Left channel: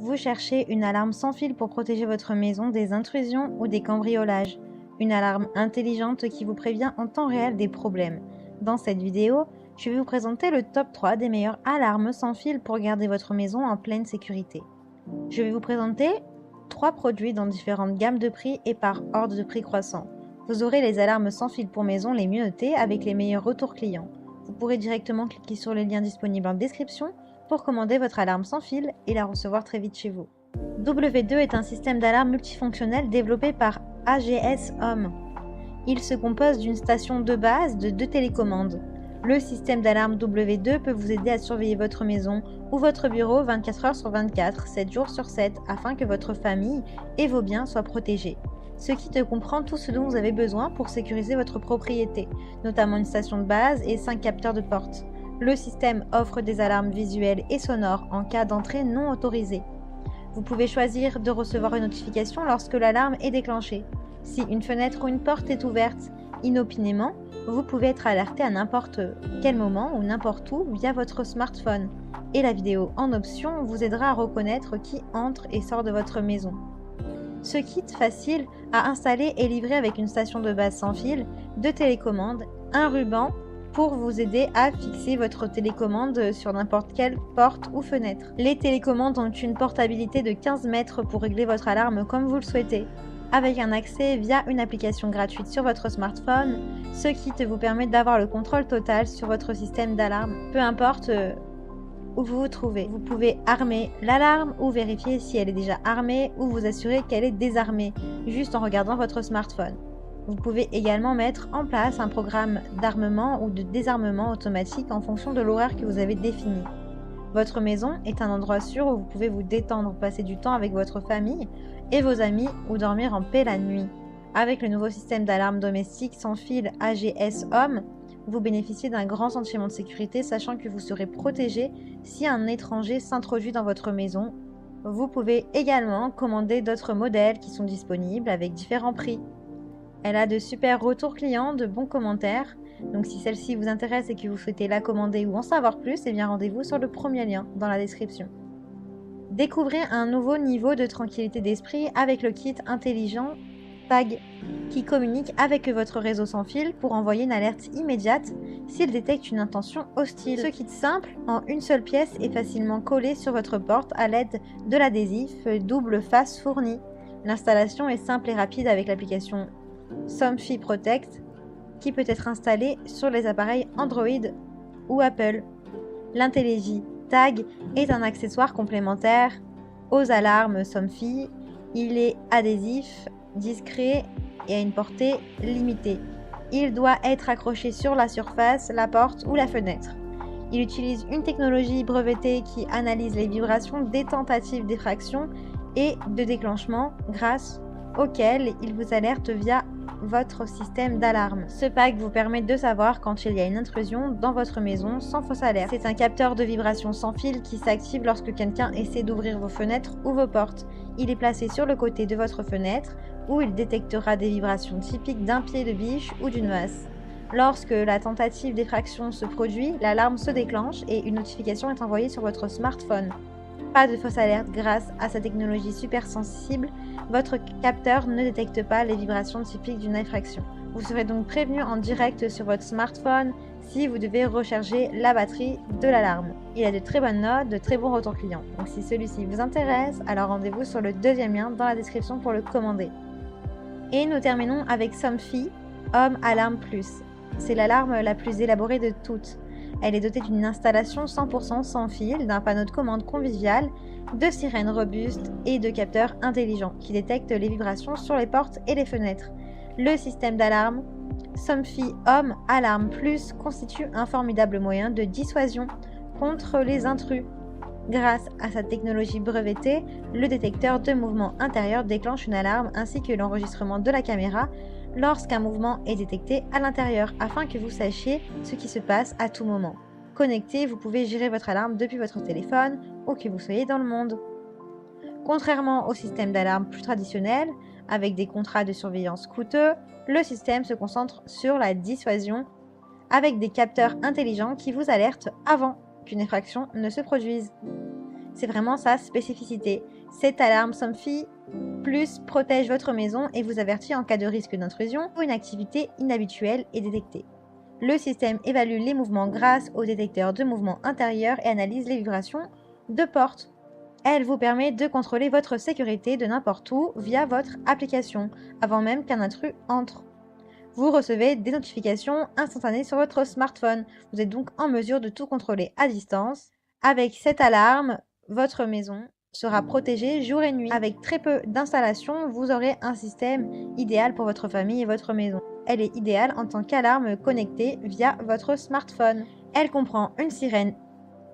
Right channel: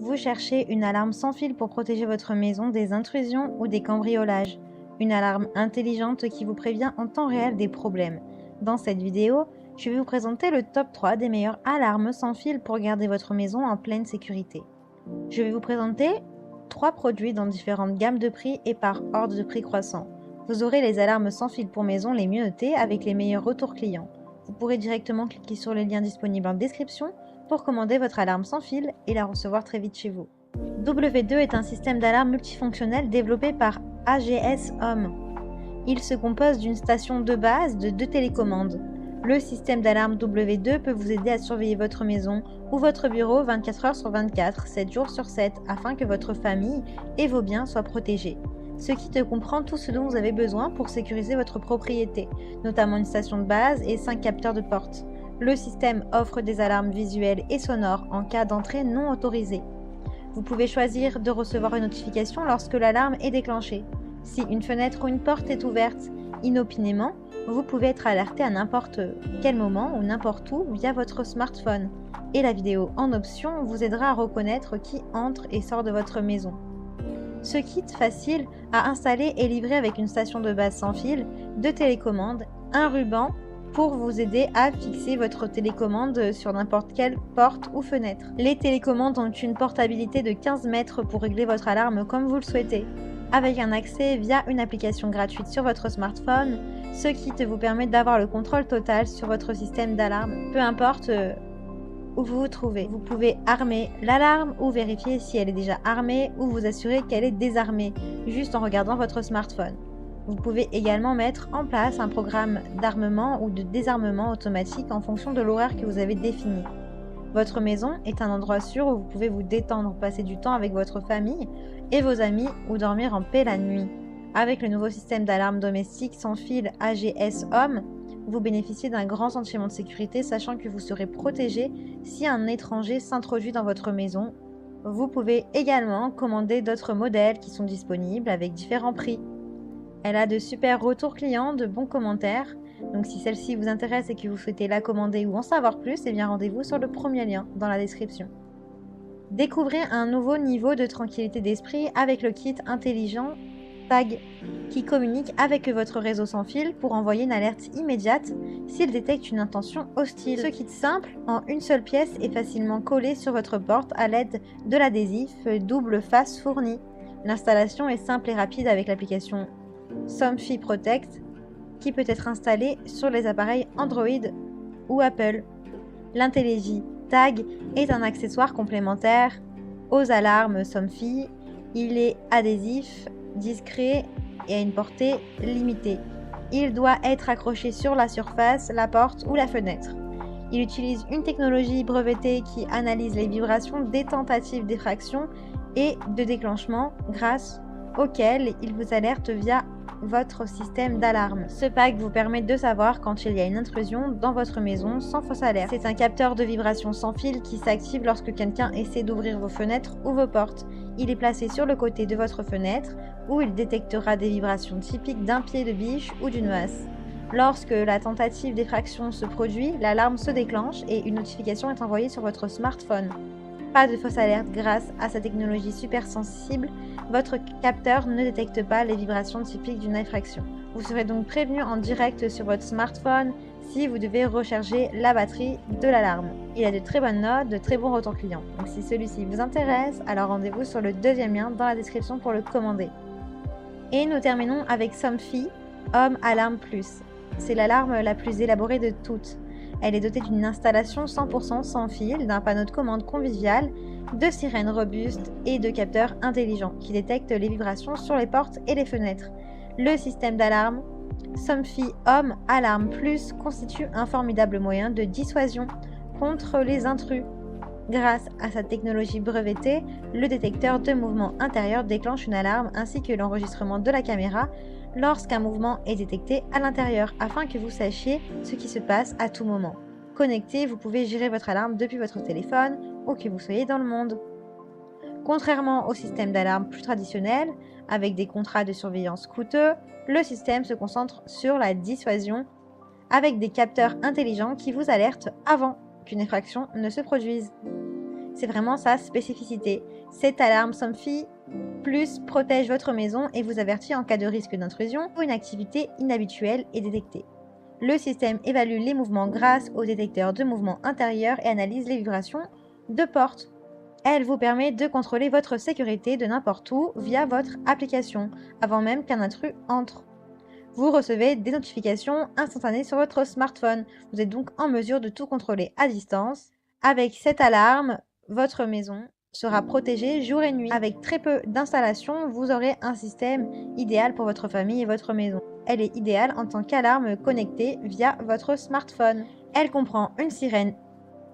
Vous cherchez une alarme sans fil pour protéger votre maison des intrusions ou des cambriolages. Une alarme intelligente qui vous prévient en temps réel des problèmes. Dans cette vidéo, je vais vous présenter le top 3 des meilleures alarmes sans fil pour garder votre maison en pleine sécurité. Je vais vous présenter 3 produits dans différentes gammes de prix et par ordre de prix croissant. Vous aurez les alarmes sans fil pour maison les mieux notées avec les meilleurs retours clients. Vous pourrez directement cliquer sur le lien disponible en description pour commander votre alarme sans fil et la recevoir très vite chez vous. W2 est un système d'alarme multifonctionnel développé par AGS Home. Il se compose d'une station de base de 2 télécommandes. Le système d'alarme W2 peut vous aider à surveiller votre maison ou votre bureau 24 heures sur 24, 7 jours sur 7, afin que votre famille et vos biens soient protégés. Ce qui te comprend tout ce dont vous avez besoin pour sécuriser votre propriété, notamment une station de base et 5 capteurs de porte. Le système offre des alarmes visuelles et sonores en cas d'entrée non autorisée. Vous pouvez choisir de recevoir une notification lorsque l'alarme est déclenchée. Si une fenêtre ou une porte est ouverte inopinément, vous pouvez être alerté à n'importe quel moment ou n'importe où via votre smartphone. Et la vidéo en option vous aidera à reconnaître qui entre et sort de votre maison. Ce kit facile à installer est livré avec une station de base sans fil, 2 télécommandes, un ruban pour vous aider à fixer votre télécommande sur n'importe quelle porte ou fenêtre. Les télécommandes ont une portabilité de 15 mètres pour régler votre alarme comme vous le souhaitez. Avec un accès via une application gratuite sur votre smartphone, ce kit vous permet d'avoir le contrôle total sur votre système d'alarme, peu importe où vous vous trouvez. Vous pouvez armer l'alarme ou vérifier si elle est déjà armée ou vous assurer qu'elle est désarmée, juste en regardant votre smartphone. Vous pouvez également mettre en place un programme d'armement ou de désarmement automatique en fonction de l'horaire que vous avez défini. Votre maison est un endroit sûr où vous pouvez vous détendre, passer du temps avec votre famille et vos amis ou dormir en paix la nuit. Avec le nouveau système d'alarme domestique sans fil AGS Home, vous bénéficiez d'un grand sentiment de sécurité, sachant que vous serez protégé si un étranger s'introduit dans votre maison. Vous pouvez également commander d'autres modèles qui sont disponibles avec différents prix. Elle a de super retours clients, de bons commentaires. Donc si celle-ci vous intéresse et que vous souhaitez la commander ou en savoir plus, eh bien rendez-vous sur le premier lien dans la description. Découvrez un nouveau niveau de tranquillité d'esprit avec le kit intelligent Tag qui communique avec votre réseau sans fil pour envoyer une alerte immédiate s'il détecte une intention hostile. Ce kit simple, en une seule pièce, est facilement collé sur votre porte à l'aide de l'adhésif double face fourni. L'installation est simple et rapide avec l'application Somfy Protect qui peut être installée sur les appareils Android ou Apple. L'Intelligy Tag est un accessoire complémentaire aux alarmes Somfy. Il est adhésif, discret et à une portée limitée. Il doit être accroché sur la surface, la porte ou la fenêtre. Il utilise une technologie brevetée qui analyse les vibrations des tentatives d'effraction et de déclenchement grâce auquel il vous alerte via votre système d'alarme. Ce tag vous permet de savoir quand il y a une intrusion dans votre maison sans fausse alerte. C'est un capteur de vibration sans fil qui s'active lorsque quelqu'un essaie d'ouvrir vos fenêtres ou vos portes. Il est placé sur le côté de votre fenêtre où il détectera des vibrations typiques d'un pied de biche ou d'une masse. Lorsque la tentative d'effraction se produit, l'alarme se déclenche et une notification est envoyée sur votre smartphone. Et de fausses alertes grâce à cette technologie super sensible, votre capteur ne détecte pas les vibrations typiques d'une effraction. Vous serez donc prévenu en direct sur votre smartphone si vous devez recharger la batterie de l'alarme. Il a de très bonnes notes, de très bons retours clients. Donc si celui-ci vous intéresse, alors rendez-vous sur le deuxième lien dans la description pour le commander. Et nous terminons avec Somfy Home Alarm Plus. C'est l'alarme la plus élaborée de toutes. Elle est dotée d'une installation 100% sans fil, d'un panneau de commande convivial, de sirènes robustes et de capteurs intelligents qui détectent les vibrations sur les portes et les fenêtres. Le système d'alarme Somfy Home Alarm Plus constitue un formidable moyen de dissuasion contre les intrus. Grâce à cette technologie brevetée, le détecteur de mouvement intérieur déclenche une alarme ainsi que l'enregistrement de la caméra lorsqu'un mouvement est détecté à l'intérieur, afin que vous sachiez ce qui se passe à tout moment. Connecté, vous pouvez gérer votre alarme depuis votre téléphone ou que vous soyez dans le monde. Contrairement au système d'alarme plus traditionnel, avec des contrats de surveillance coûteux, le système se concentre sur la dissuasion avec des capteurs intelligents qui vous alertent avant qu'une effraction ne se produise. C'est vraiment sa spécificité. Cette alarme Somfy Plus protège votre maison et vous avertit en cas de risque d'intrusion ou une activité inhabituelle est détectée. Le système évalue les mouvements grâce au détecteur de mouvements intérieurs et analyse les vibrations de porte. Elle vous permet de contrôler votre sécurité de n'importe où via votre application, avant même qu'un intrus entre. Vous recevez des notifications instantanées sur votre smartphone. Vous êtes donc en mesure de tout contrôler à distance. Avec cette alarme, votre maison sera protégée jour et nuit. Avec très peu d'installations, vous aurez un système idéal pour votre famille et votre maison. Elle est idéale en tant qu'alarme connectée via votre smartphone. Elle comprend une sirène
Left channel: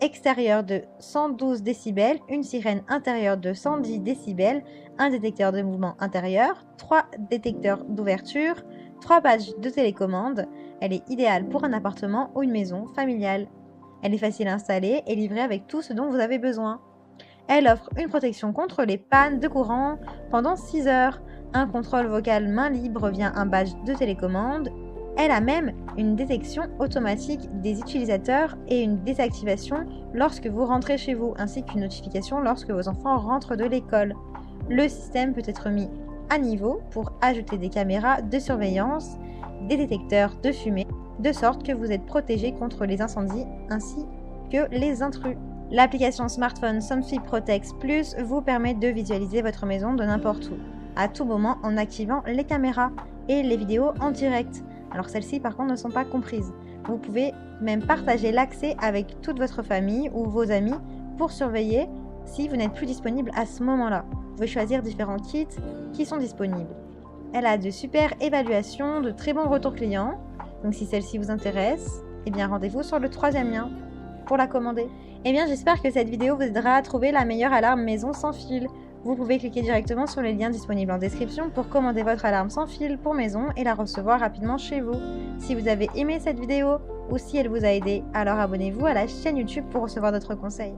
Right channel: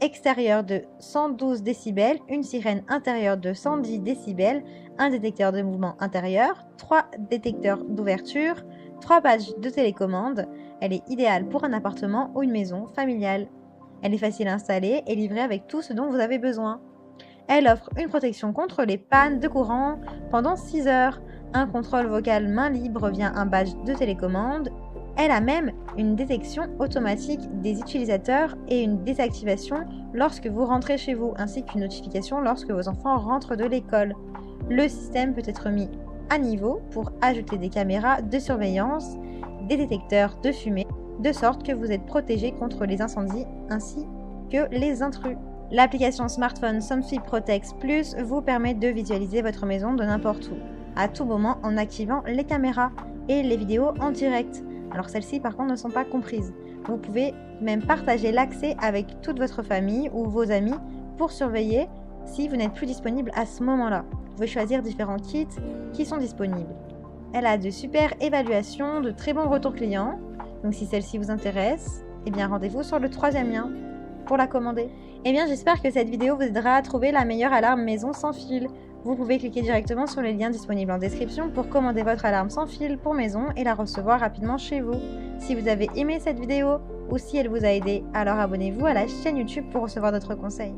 extérieure de 112 décibels, une sirène intérieure de 110 décibels, un détecteur de mouvement intérieur, 3 détecteurs d'ouverture, 3 badges de télécommande. Elle est idéale pour un appartement ou une maison familiale. Elle est facile à installer et livrée avec tout ce dont vous avez besoin. Elle offre une protection contre les pannes de courant pendant 6 heures, un contrôle vocal main libre via un badge de télécommande. Elle a même une détection automatique des utilisateurs et une désactivation lorsque vous rentrez chez vous, ainsi qu'une notification lorsque vos enfants rentrent de l'école. Le système peut être mis à niveau pour ajouter des caméras de surveillance, des détecteurs de fumée, de sorte que vous êtes protégé contre les incendies ainsi que les intrus. L'application smartphone Somfy Protect Plus vous permet de visualiser votre maison de n'importe où, à tout moment en activant les caméras et les vidéos en direct. Alors celles-ci par contre ne sont pas comprises. Vous pouvez même partager l'accès avec toute votre famille ou vos amis pour surveiller si vous n'êtes plus disponible à ce moment-là. Vous pouvez choisir différents kits qui sont disponibles. Elle a de super évaluations, de très bons retours clients. Donc si celle-ci vous intéresse, eh bien rendez-vous sur le 3e lien pour la commander. Eh bien j'espère que cette vidéo vous aidera à trouver la meilleure alarme maison sans fil. Vous pouvez cliquer directement sur les liens disponibles en description pour commander votre alarme sans fil pour maison et la recevoir rapidement chez vous. Si vous avez aimé cette vidéo ou si elle vous a aidé, alors abonnez-vous à la chaîne YouTube pour recevoir d'autres conseils.